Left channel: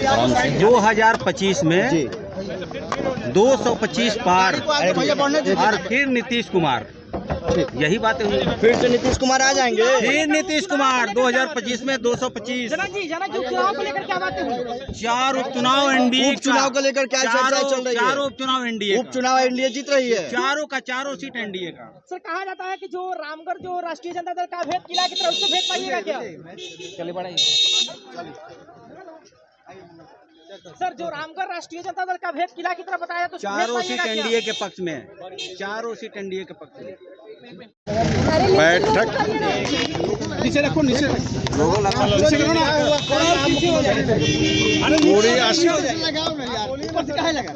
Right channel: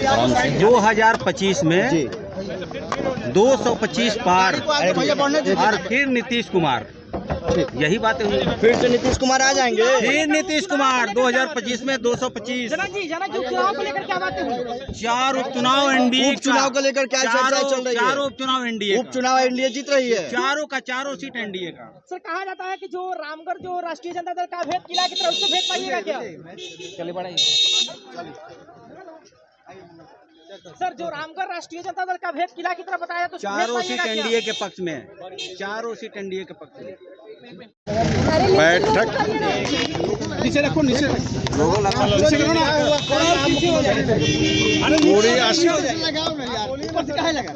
2025 में 225 पार और फिर नीतीश कुमार, यही बातें हुई। फिर से नीतीश कुमार आ जाएंगे। फिर नीतीश कुमार 2025 में 225। उपचुनाव को लेकर क्या बातें हुई? 4 उपचुनाव एनडीए, उपचुनाव को लेकर क्या चर्चा चल रही है? 4 उपचुनाव एनडीए, उपचुनाव एनडीए जीत रही है। चारों सीट एनडीए का। सर, कहा जाता है कि जो रामगढ़ जो राष्ट्रीय जनता दल का भेद किला की तरफ से भेद पाइएगा क्या? चलिए बढ़ाइए। सर, जो रामगढ़ राष्ट्रीय जनता दल का भेद किला की तरफ बताया तो चारों सीट एनडीए के पक्ष में है, चारों सीट एनडीए के पक्ष में। बैठक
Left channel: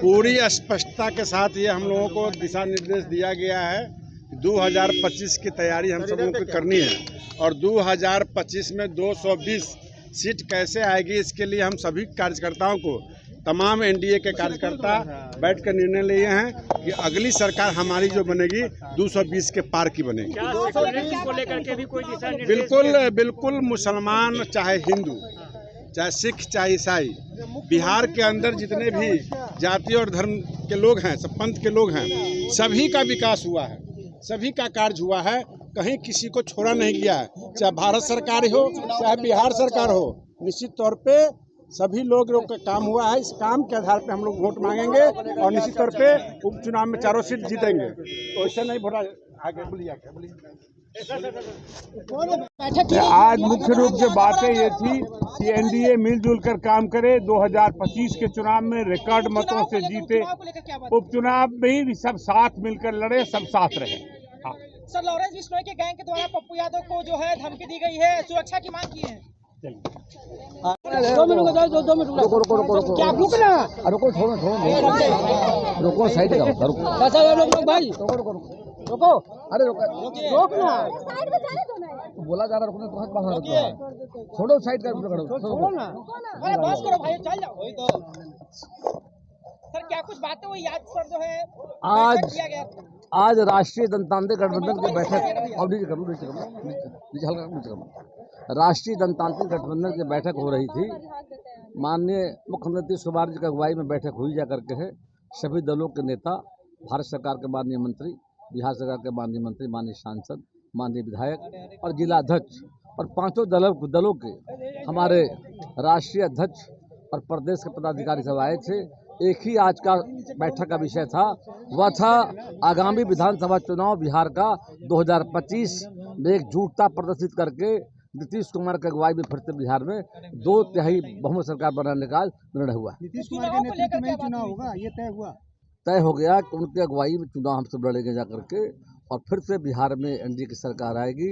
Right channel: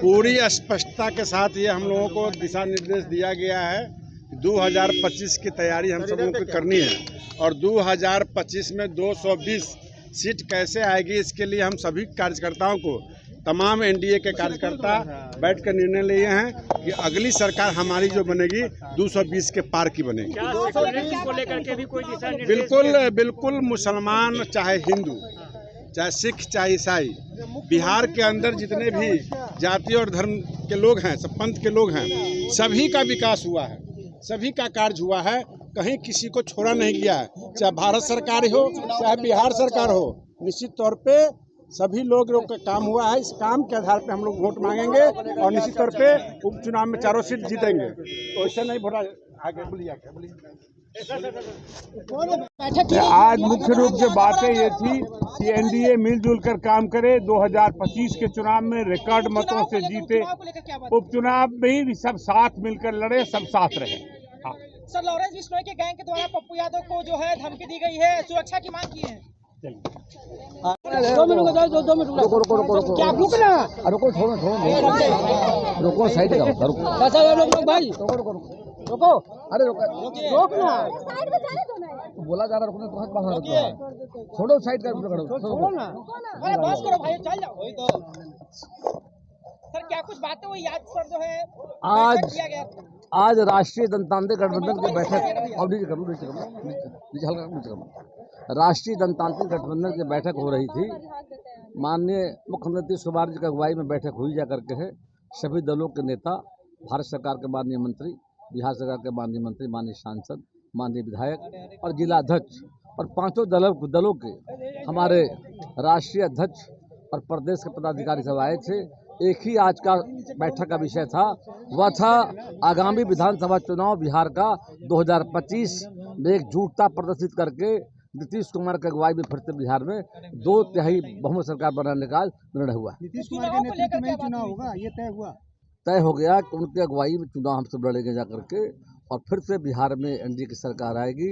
पूरी स्पष्टता के साथ ये हम लोगों को दिशा निर्देश दिया गया है। 2025 की तैयारी हम सब लोगों को करनी है और 2025 में 220 सीट कैसे आएगी, इसके लिए हम सभी कार्यकर्ताओं को, तमाम एनडीए के कार्यकर्ता बैठ कर निर्णय लिए हैं कि अगली सरकार हमारी जो बनेगी 220 के पार की बनेगी। को लेकर के भी कोई दिशा निर्देश? बिल्कुल मुसलमान चाहे हिंदू चाहे सिख चाहे ईसाई, बिहार के अंदर जितने भी जाति और धर्म के लोग हैं, सब पंथ के लोग हैं, सभी का विकास हुआ है, सभी का कार्य हुआ है, कहीं किसी को छोड़ा नहीं गया है। चाहे भारत सरकार हो चाहे बिहार सरकार हो, निश्चित तौर पे सभी लोगों का काम हुआ है। इस काम के आधार पे हम लोग वोट मांगेंगे और निश्चित तौर पे उपचुनाव में चारों सीट जीतेंगे। तो ऐसा नहीं वोट आगे बोलिए। आज मुख्य रूप से बातें ये थी कि एनडीए मिलजुल कर काम करे, 2025 के चुनाव में रिकॉर्ड मतों से जीते, उपचुनाव में भी सब साथ मिलकर लड़े, सब साथ रहे। हाँ। सर, लॉरेंस बिश्नोई के गैंग के द्वारा पप्पू यादव को जो है धमकी दी गई है, सुरक्षा की मांग की है। 2 मिनट रुको। क्या रुकना? रुको, रुको, साइड रुको भाई, रुको, अरे रोकना। बोला जा रहा रुकना, बहुत बाहर रुको, छोड़ो साइड कर, छोड़ो ना, अरे बस करो भाई, चल जाओ। वही तो सर, क्या कुछ बातें हुई आज सर जो है आज राष्ट्रीय जनतांत्रिक गठबंधन की बैठक राष्ट्रीय जनतांत्रिक गठबंधन की बैठक हो रही थी। माननीय मुख्यमंत्री नीतीश कुमार जी की अगुवाई में बैठक हुई जा करके है। सभी दलों के नेता, भारत सरकार के माननीय मंत्री, बिहार सरकार के माननीय मंत्री, माननीय सांसद, माननीय विधायक और जिला अध्यक्ष और 5 दलों के हमारे राष्ट्रीय अध्यक्ष और प्रदेश के पदाधिकारी सब आए थे। एक ही आज का बैठक का विषय था, वह था आगामी विधानसभा चुनाव बिहार का 2025 में एकजुटता प्रदर्शित करके नीतीश कुमार की अगुवाई में फिर से बिहार में 2/3 बहुमत सरकार बनाने का निर्णय हुआ। नीतीश कुमार के नेतृत्व में चुनाव होगा, ये तय हो गया कि उनकी अगुवाई में चुनाव हम सब लड़ेंगे जा करके और फिर से बिहार में एनडीए की सरकार आएगी।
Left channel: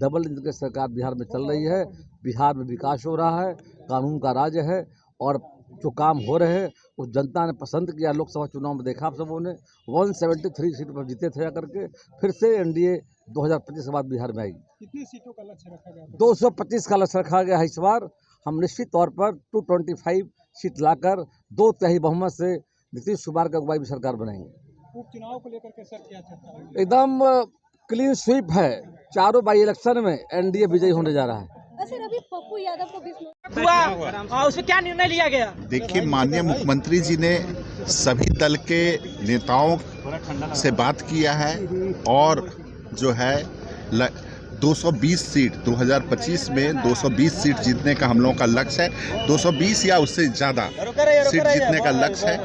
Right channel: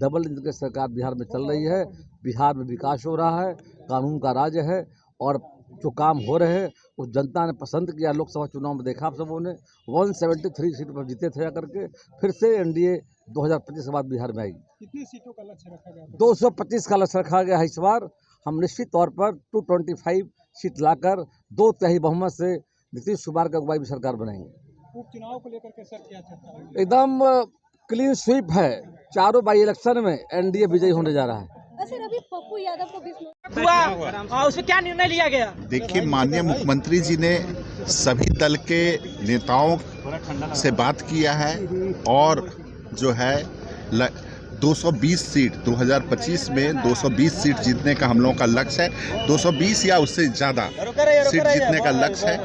डबल इंजन की सरकार बिहार में चल रही है। बिहार में विकास हो रहा है, कानून का राज है और जो काम हो रहे हैं वो जनता ने पसंद किया। लोकसभा चुनाव में देखा आप सबों ने 173 सीट पर जीते थे करके। फिर से एनडीए 2025 के बाद बिहार में आएगी। कितनी सीटों का लक्ष्य रखा गया? 225 का लक्ष्य रखा गया है। इस बार हम निश्चित तौर पर 225 सीट लाकर 2/3 बहुमत से नीतीश कुमार की अगुवाई में सरकार बनाएंगे। उपचुनाव को लेकर के सर क्या चर्चा है? एकदम क्लीन स्वीप है। चारों बाई इलेक्शन में एनडीए विजयी होने जा रहा है। सर, अभी पप्पू यादव को भी हुआ, उसमें क्या निर्णय लिया गया? देखिए, माननीय मुख्यमंत्री जी ने सभी दल के नेताओं से बात किया है और जो है 220 सीट 2025 में 220 सीट जीतने का हम लोगों का लक्ष्य है। 220 या उससे ज़्यादा सीट जीतने का लक्ष्य है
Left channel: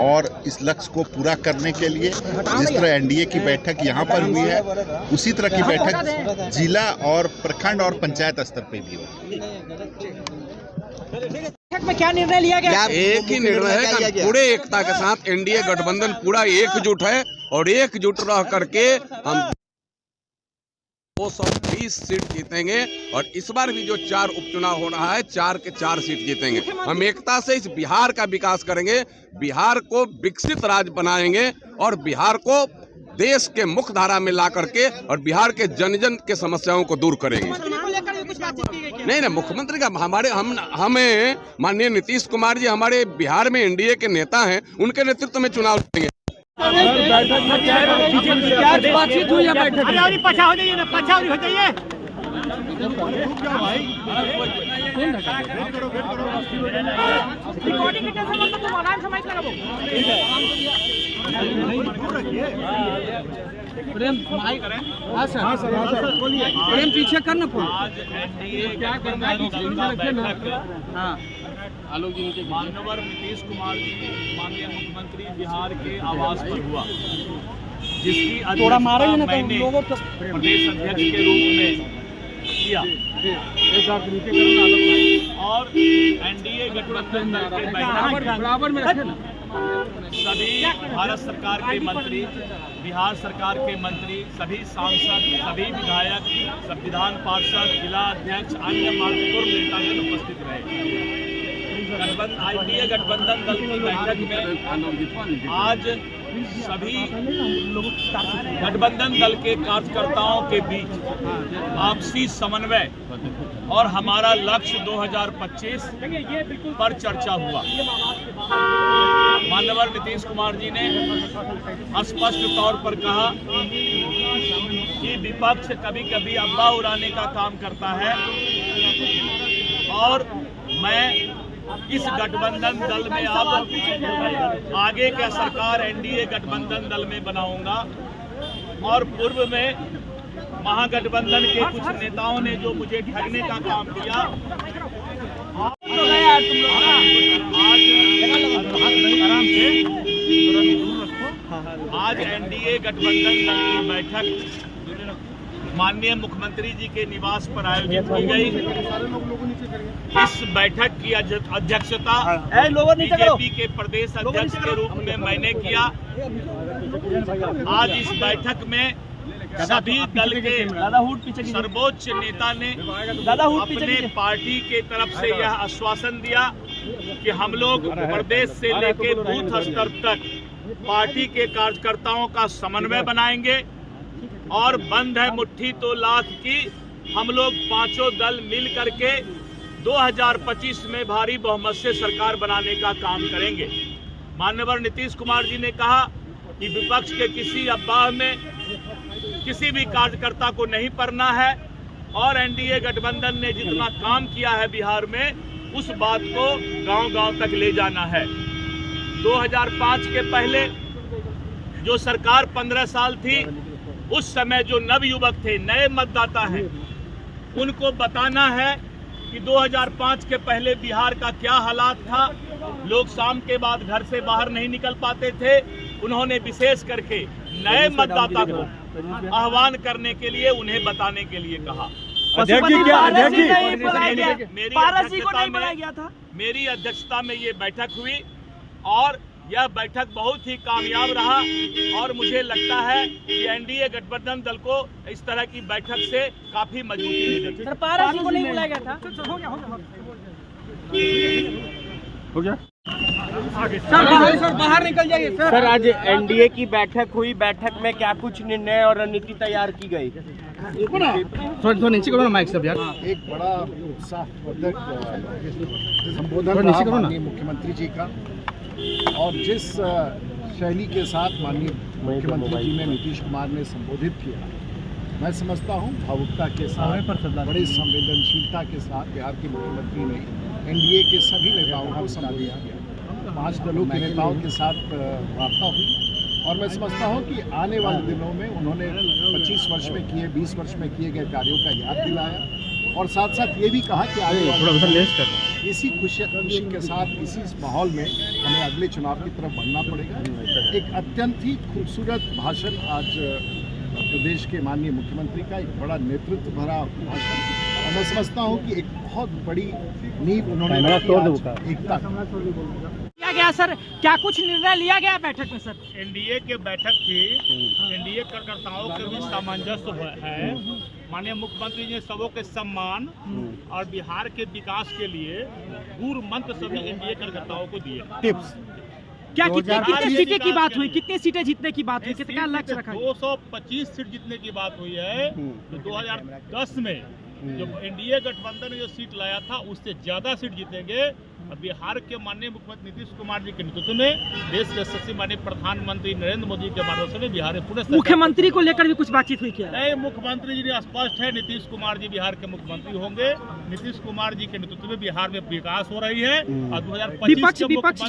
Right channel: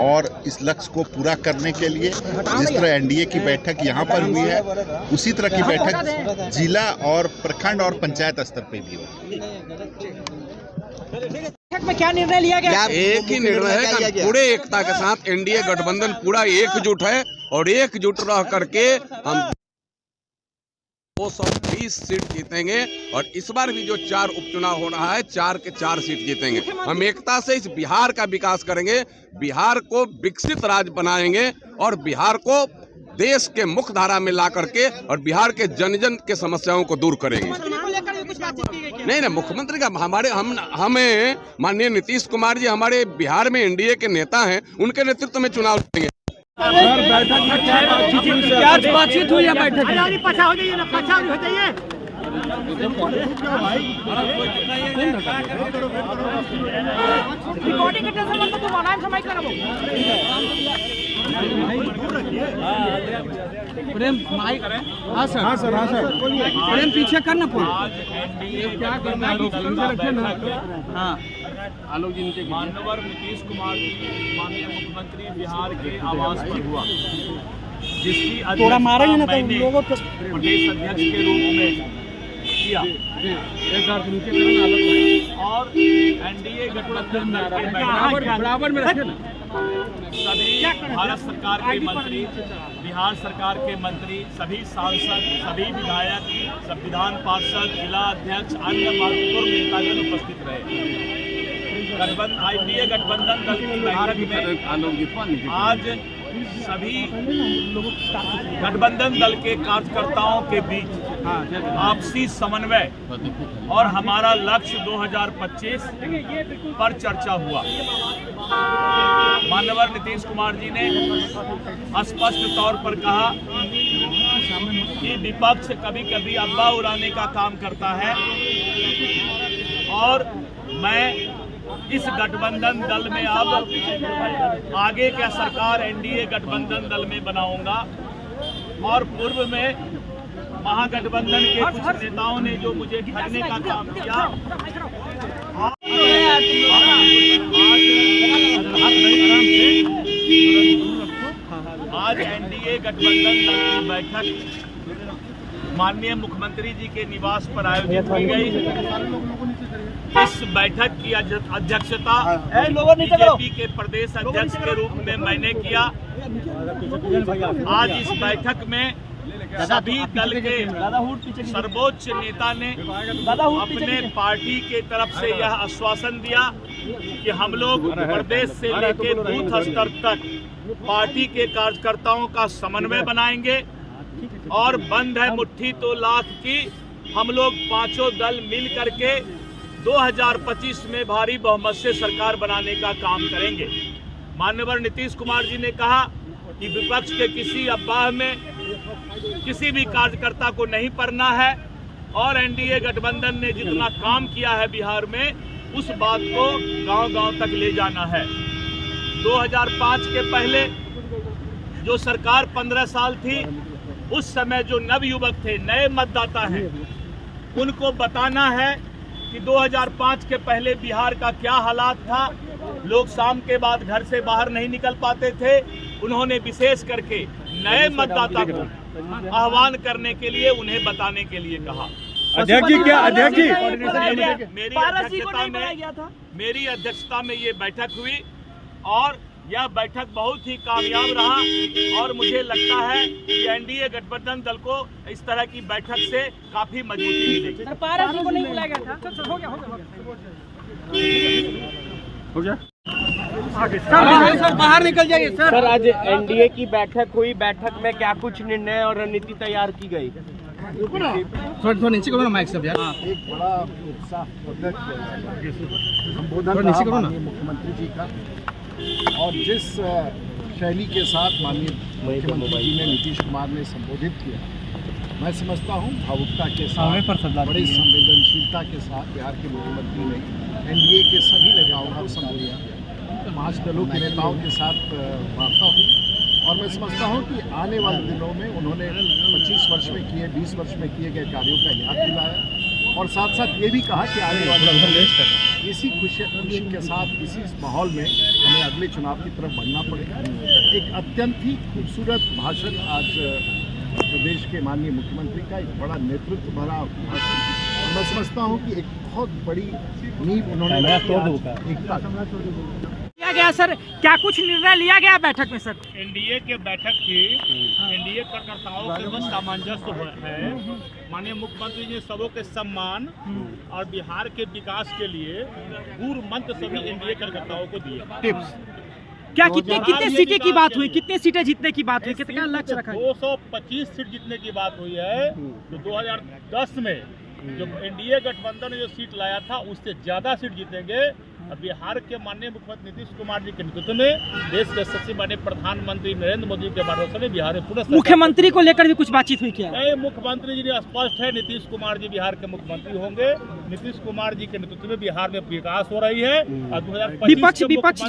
और इस लक्ष्य को पूरा करने के लिए जिस तरह एनडीए की बैठक यहाँ पर हुई है, उसी तरह की बैठक जिला और प्रखंड और पंचायत स्तर पे भी होगी। बैठक में क्या निर्णय लिया गया? एक ही निर्णय है कि पूरे एकता के साथ एनडीए गठबंधन पूरा एकजुट है और एकजुट रह करके हम 220 सीट जीतेंगे और इस बार भी जो 4 उपचुनाव हो रहा है 4 के 4 सीट जीतेंगे। हम एकता से इस बिहार का विकास करेंगे, बिहार को विकसित राज्य बनाएंगे और बिहार को देश के मुख्य धारा में ला करके और बिहार के जन जन के समस्याओं को दूर करेंगे। नहीं, मुख्यमंत्री का हमें माननीय नीतीश कुमार जी हमारे बिहार में एनडीए के नेता हैं, उनके नेतृत्व में चुनाव लड़ेंगे। बातचीत हुई है बैठक में? रिकॉर्डिंग के टेंशन मत तुम ऑनलाइन समय लगाबो प्रेम माइक हां सर प्रेम पीछे करना फोन। आज एनडीए गठबंधन हां आलोक जी के माननीय नीतीश कुमार जी माननीय मुख्यमंत्री बिहार के आवास पर हुआ, जिसकी अध्यक्षता मैंने प्रदेश अध्यक्ष के रूप में किया और एनडीए गठबंधन दल के बैठक में सभी भारत सरकार के मंत्री, बिहार सरकार के मंत्री, सभी सांसद, सभी विधायक, संविधान पार्षद, जिला अध्यक्ष, अन्य महत्वपूर्ण नेतागण उपस्थित रहे। एनडीए गठबंधन दल की बैठक में आज सभी गठबंधन दल के कार्यकर्ताओं के बीच आपसी समन्वय और हमारा लक्ष्य 2025 पर चर्चा हुआ। माननीय नीतीश कुमार जी ने स्पष्ट तौर पर कहा कि विपक्ष कभी कभी अफवाह उड़ाने का काम करता है और मैं इस गठबंधन दल में अब आगे क्या सरकार एनडीए गठबंधन दल में बनाऊंगा और पूर्व में महागठबंधन के कुछ नेताओं ने जो मुझे ठगने का काम किया, आज एनडीए गठबंधन दल की बैठक माननीय मुख्यमंत्री जी के निवास पर आयोजित की गई। इस बैठक की अध्यक्षता बीजेपी के प्रदेश अध्यक्ष के रूप में मैंने किया। आज इस बैठक में सभी दल के सर्वोच्च नेता ने अपने पार्टी के तरफ से यह आश्वासन दिया कि हम लोग प्रदेश से लेकर बूथ स्तर तक पार्टी के कार्यकर्ताओं का समन्वय बनाएंगे और बंद है मुट्ठी तो लाख की, हम लोग पांचों दल मिल करके 2025 में भारी बहुमत से सरकार बनाने का काम करेंगे। माननीय नीतीश कुमार जी ने कहा कि विपक्ष के किसी अफवाह में किसी भी कार्यकर्ता को नहीं पड़ना है और एनडीए गठबंधन ने जितना काम किया है बिहार में उस बात को गांव-गांव तक ले जाना है। 2005 के पहले जो सरकार 15 साल थी, उस समय जो नवयुवक थे, नए मतदाता हैं, उनको बताना है कि 2005 के पहले बिहार का क्या हालात था। लोग शाम के बाद घर से बाहर नहीं निकल पाते थे। उन्होंने विशेष करके नए मतदाता को आह्वान करने के लिए उन्हें बताने के लिए कहा। अध्यक्ष जी क्या अध्यक्ष जी मेरी अध्यक्षता में ये बैठक हुई और यह बैठक बहुत ही कामयाब रहा और मुझे लगता है कि एनडीए गठबंधन दल को इस तरह की बैठक से काफी मजबूती मिलेगी। सर बाहर निकल जाइए सर। आज एनडीए की बैठक हुई, बैठक में क्या कुछ निर्णय और रणनीति तैयार की गई? थोड़ा नीचे करो ना माइक सब यार। एक बड़ा उत्साहवर्धक संबोधन रहा माननीय मुख्यमंत्री जी का और जिस शैली के साथ माननीय मुख्यमंत्री जी ने नीतीश कुमार ने संबोधित किया, मैं समझता हूं भावुकता के साथ, बड़ी संवेदनशीलता के साथ बिहार के मुख्यमंत्री ने एनडीए के सभी नेताओं को संबोधित किया। 5 दलों के नेताओं के साथ वार्ता हुई और मैं समझता हूं कि आने वाले दिनों में उन्होंने 25 वर्ष में किए, 20 वर्ष में किए गए कार्यों का याद दिलाया और साथ साथ ये भी कहा कि आने वाले इसी खुशी के साथ इसी माहौल में हमें अगले चुनाव की तरफ बढ़ना पड़ेगा। एक अत्यंत ही खूबसूरत भाषण आज प्रदेश के माननीय मुख्यमंत्री का, एक बड़ा नेतृत्व भरा भाषण और मैं समझता हूं कि एक बहुत बड़ी नींव उन्होंने एकता किया गया। सर क्या कुछ निर्णय लिया गया बैठक में? सर एनडीए के बैठक की एनडीए कार्यकर्ताओं के बीच सामंजस्य है। माननीय मुख्यमंत्री जी ने सबों के सम्मान और बिहार के विकास के लिए गुरु मंत्र सभी एनडीए कार्यकर्ताओं को दिए। टिप्स क्या कितने सीटें की बात हुई? कितने सीटें जीतने की बात हुई? कितना लक्ष्य रखा? 225 सीट जीतने की बात हुई है। जो 2010 में जो एनडीए गठबंधन ने जो सीट लाया था उससे ज्यादा सीट जीतेंगे बिहार के माननीय मुख्यमंत्री नीतीश कुमार जी के नेतृत्व में देश के यशस्वी माननीय प्रधानमंत्री नरेंद्र मोदी के मार्गदर्शन में बिहार में पूरे मुख्यमंत्री को लेकर भी कुछ बातचीत हुई क्या? मुख्यमंत्री जी ने स्पष्ट है, नीतीश कुमार जी बिहार के मुख्यमंत्री होंगे। नीतीश कुमार जी के नेतृत्व में बिहार में विकास हो रही है और 2025 विपक्ष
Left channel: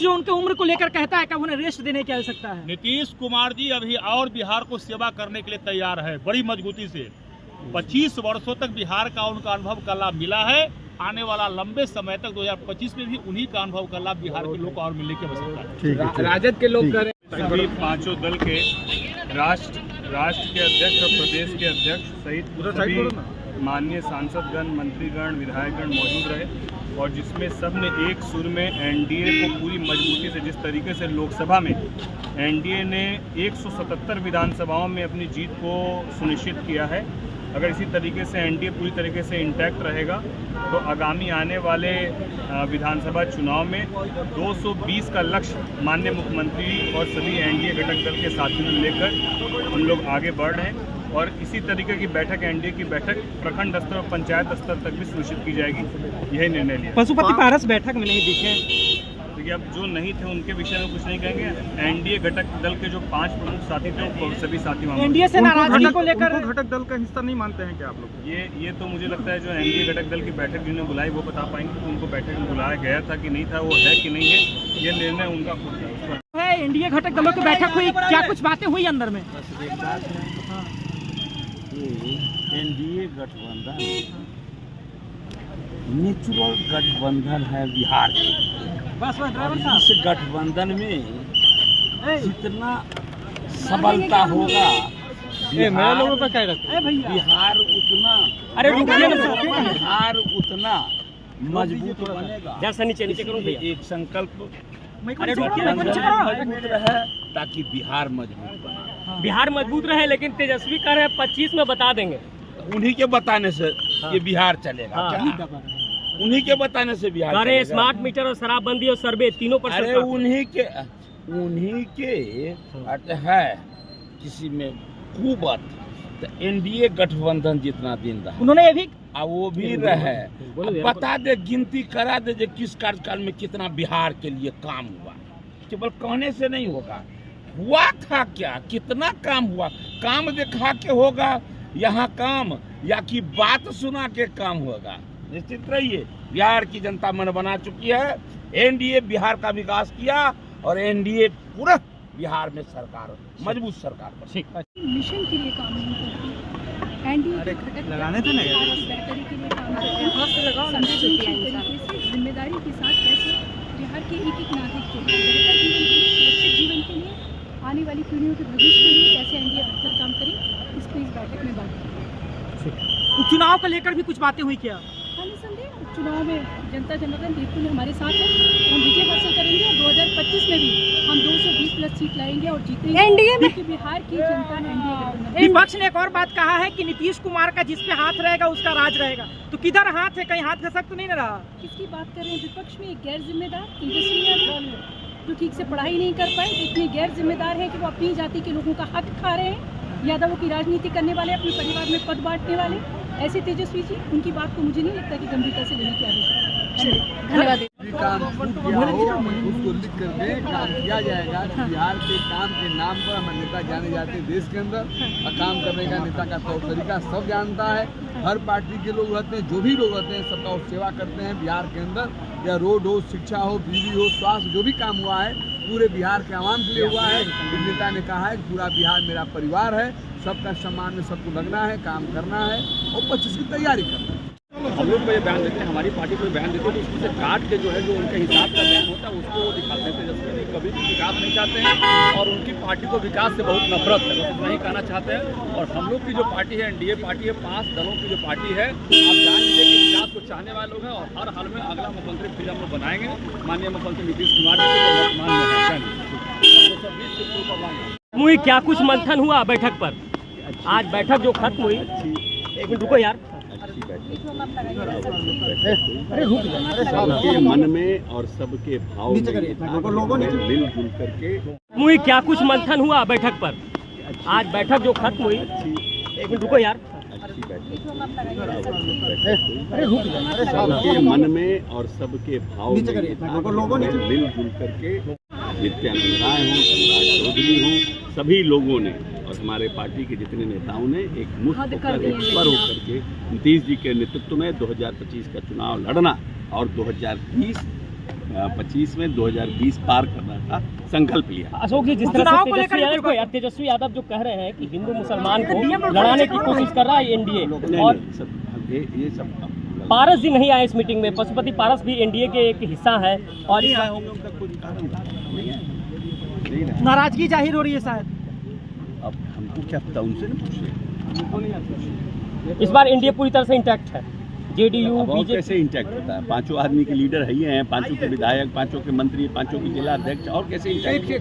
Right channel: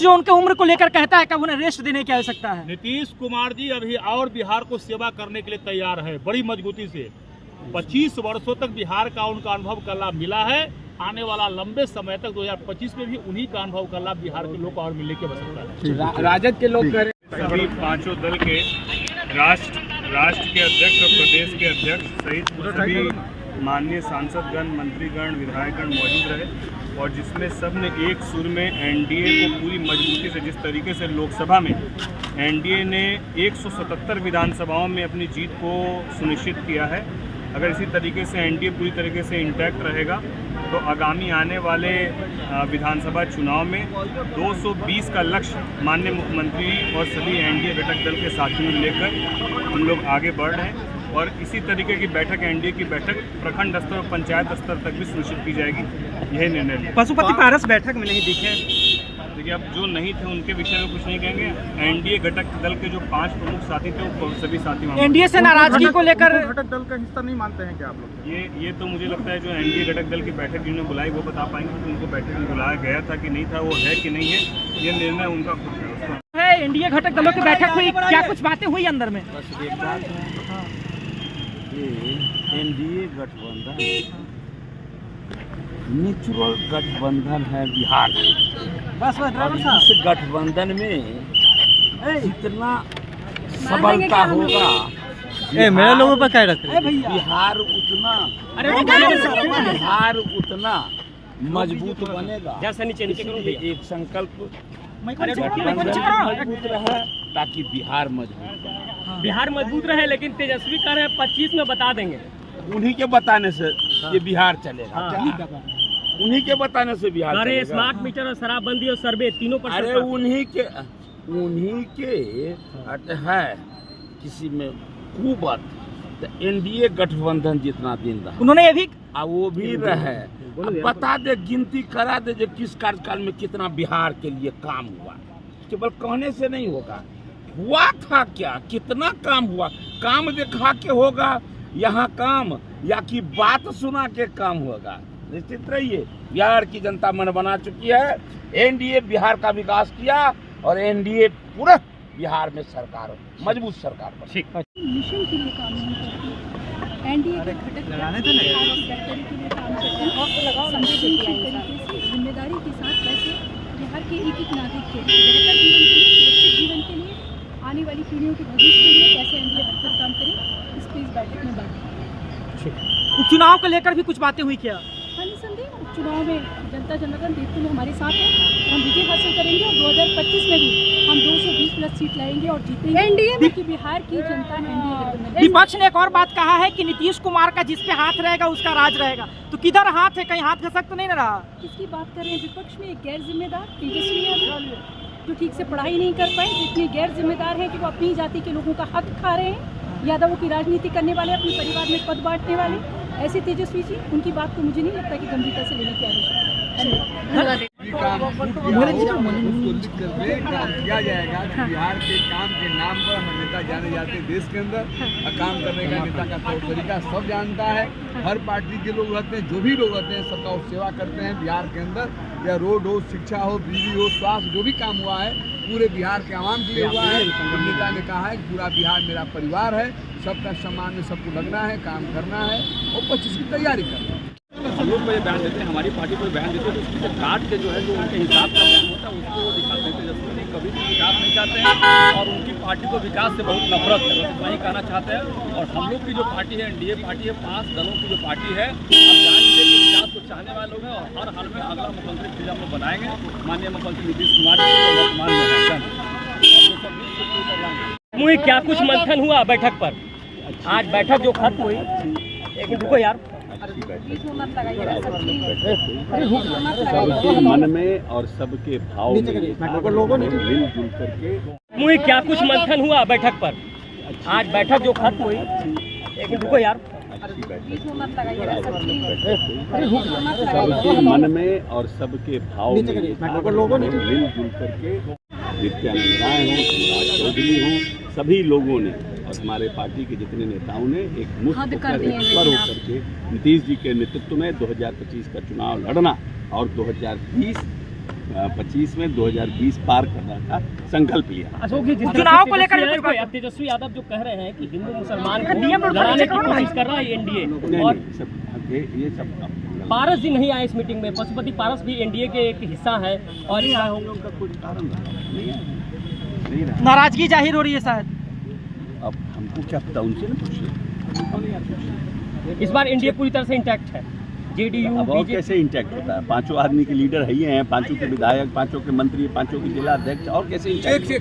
जो उनके उम्र को लेकर कहता है कि उन्हें रेस्ट देने की आवश्यकता है। नीतीश कुमार जी अभी और बिहार को सेवा करने के लिए तैयार है बड़ी मजबूती से। 25 वर्षों तक बिहार का उनका अनुभव का लाभ मिला है। आने वाला लंबे समय तक 2025 में भी उन्हीं का अनुभव का लाभ बिहार के लोग को और मिलने की आवश्यकता है। राजद के लोग करें सभी पांचों दल के राष्ट्र के अध्यक्ष और प्रदेश के अध्यक्ष सहित सभी माननीय सांसदगण, मंत्रीगण, विधायकगण मौजूद रहे और जिसमें सब ने एक सुर में एनडीए को पूरी मजबूती से, जिस तरीके से लोकसभा में एनडीए ने 177 विधानसभाओं में अपनी जीत को सुनिश्चित किया है, अगर इसी तरीके से एनडीए पूरी तरीके से इंटैक्ट रहेगा तो आगामी आने वाले विधानसभा चुनाव में 220 का लक्ष्य माननीय मुख्यमंत्री और सभी एनडीए घटक दल के साथियों को लेकर हम लोग आगे बढ़ रहे हैं और इसी तरीके की बैठक, एनडीए की बैठक प्रखंड स्तर और पंचायत स्तर तक भी सुनिश्चित की जाएगी। यही निर्णय लिया। पशुपति पारस बैठक में नहीं दिखे, देखिए अब जो नहीं थे उनके विषय में कुछ नहीं कहेंगे। एनडीए घटक दल के जो 5 प्रमुख साथी थे वो सभी साथी वहाँ एनडीए से नाराजगी को लेकर घटक दल का हिस्सा नहीं मानते हैं क्या आप लोग? ये तो मुझे लगता है जो एनडीए घटक दल की बैठक जिन्होंने बुलाई वो बता पाएंगे कि उनको बैठक में बुलाया गया था कि नहीं था, वो है कि नहीं है, ये निर्णय उनका खुद है। एनडीए घटक दलों की बैठक हुई, क्या कुछ बातें हुई अंदर में? बस एक बात है, एनडीए गठबंधन नेचुरल गठबंधन है बिहार और इस गठबंधन में जितना सबलता होगा बिहार उतना मजबूत बनेगा। एक संकल्प मजबूत रहे ताकि बिहार मजबूत बने। बिहार मजबूत रहे, लेकिन तेजस्वी कह रहे हैं 25 में बता देंगे। उन्हीं के बताने से ये बिहार चलेगा क्या? उन्हीं के बताने से बिहार चलेगा। स्मार्ट मीटर और शराबबंदी और सर्वे तीनों पर अरे उन्हीं के है किसी में कुबत तो एनडीए गठबंधन जितना दिन रहा उन्होंने ये भी वो भी रहे। बता दे, गिनती करा दे किस कार्यकाल में कितना बिहार के लिए काम हुआ। केवल कहने से नहीं होगा, हुआ था क्या, कितना काम हुआ, काम दिखा के होगा यहाँ काम या कि बात सुना के काम होगा। निश्चित रहिए बिहार की जनता मन बना चुकी है। एनडीए बिहार का विकास किया और एनडीए पूरे बिहार में सरकार मजबूत सरकार बनी। मिशन के लिए काम नहीं करती, एनडीए के घटक बेहतरी के लिए काम करते हैं। संवेदनशील तरीके से जिम्मेदारी के साथ कैसे बिहार के एक एक नागरिक के लिए बेहतर जीवन के लिए, सुरक्षित जीवन के लिए, आने वाली पीढ़ियों के भविष्य के लिए कैसे एनडीए बेहतर काम करे, इस पर इस बैठक में बात की। उपचुनाव को लेकर भी कुछ बातें हुई क्या? हाँ, निसंदेह उपचुनाव में जनता जनार्दन बिल्कुल हमारे साथ है, हम विजय हासिल करेंगे और 2025 में भी हम 220+ सीट लाएंगे और जीतेंगे। एनडीए की बिहार की जनता एनडीए गठबंधन। विपक्ष ने एक और बात कहा है कि नीतीश कुमार का जिस पे हाथ रहेगा उसका राज रहेगा, तो किधर हाथ है? कहीं हाथ खसक तो नहीं रहा? किसकी बात कर रहे हैं? विपक्ष में एक गैर जिम्मेदार तेजस्वी यादव जो ठीक से पढ़ाई नहीं कर पाए, इतने गैर जिम्मेदार हैं कि वो अपनी जाति के लोगों का हक खा रहे हैं, यादवों की राजनीति करने वाले, अपने परिवार में पद बांटने वाले, ऐसे तेजस्वी जी, उनकी बात को मुझे नहीं लगता कि गंभीरता से लेने की आवश्यकता है। काम उसको लिख कर दे, काम किया जाएगा। बिहार के काम के नाम पर हमारे नेता जाने जाते हैं देश के अंदर, और काम करने का नेता का तौर तरीका सब जानता है। हर पार्टी के लोग रहते हैं, जो भी लोग रहते हैं सबका वो सेवा करते हैं बिहार के अंदर, या रोड हो, शिक्षा हो, बिजली हो, स्वास्थ्य, जो भी काम हुआ है पूरे बिहार के आवाम के लिए हुआ है। नेता ने कहा है कि पूरा बिहार मेरा परिवार है, सबका सम्मान में सबको लगना है, काम करना है और 25 की तैयारी करना है। हम लोग को ये बयान देते हैं, हमारी पार्टी को बयान देते हैं तो उसमें से काट के जो है जो उनके हिसाब का बयान होता है उसको वो दिखाते हैं। तेजस्वी कभी भी विकास नहीं चाहते हैं और उनकी पार्टी को विकास से बहुत नफरत है, बस इतना ही कहना चाहते हैं। और हम लोग की जो पार्टी है एनडीए पार्टी है, 5 दलों की जो पार्टी है, आप जान लीजिए कि विकास को चाहने वाले लोग हैं और हर हाल में अगला मुख्यमंत्री फिर हम लोग बनाएंगे माननीय मुख्यमंत्री नीतीश कुमार जी को वर्तमान में है। मुझे क्या कुछ मंथन हुआ बैठक पर? आज बैठक जो खत्म हुई, एक मिनट रुको यार, सबके मन में और सबके भाव में मिलजुल करके मुझे क्या कुछ मंथन हुआ बैठक पर? आज बैठक जो खत्म हुई, एक मिनट रुको यार, अच्छी बैठक सबके मन में और सबके भाव में ये था कि हमें मिलजुल करके नित्यानंद राय हों, सम्राट चौधरी हों, सभी लोगों ने और हमारे पार्टी के जितने नेताओं ने एक मुश्त होकर एक स्वर होकर के नीतीश जी के नेतृत्व में 2025 का चुनाव लड़ना और 2025 में 2020 पार करना का संकल्प लिया। अशोक जी, जिस चुनाव को लेकर तेजस्वी यादव जो कह रहे हैं कि हिंदू मुसलमान को लड़ाने की कोशिश कर रहा है एनडीए, और ये सब पारस जी नहीं आए इस मीटिंग में। पशुपति पारस भी एनडीए के एक हिस्सा है और नहीं आए होंगे, उनका कुछ कारण नहीं आए, नाराजगी जाहिर हो रही है शायद। अब हमको क्या पता, उनसे न पूछिए। इस बार एनडीए पूरी तरह से इंटैक्ट है। जेडीयू अब और कैसे इंटैक्ट होता है? पांचों आदमी के लीडर है ही हैं, पांचों के विधायक, पांचों के मंत्री, पांचों के जिला अध्यक्ष, और कैसे इंटैक्ट?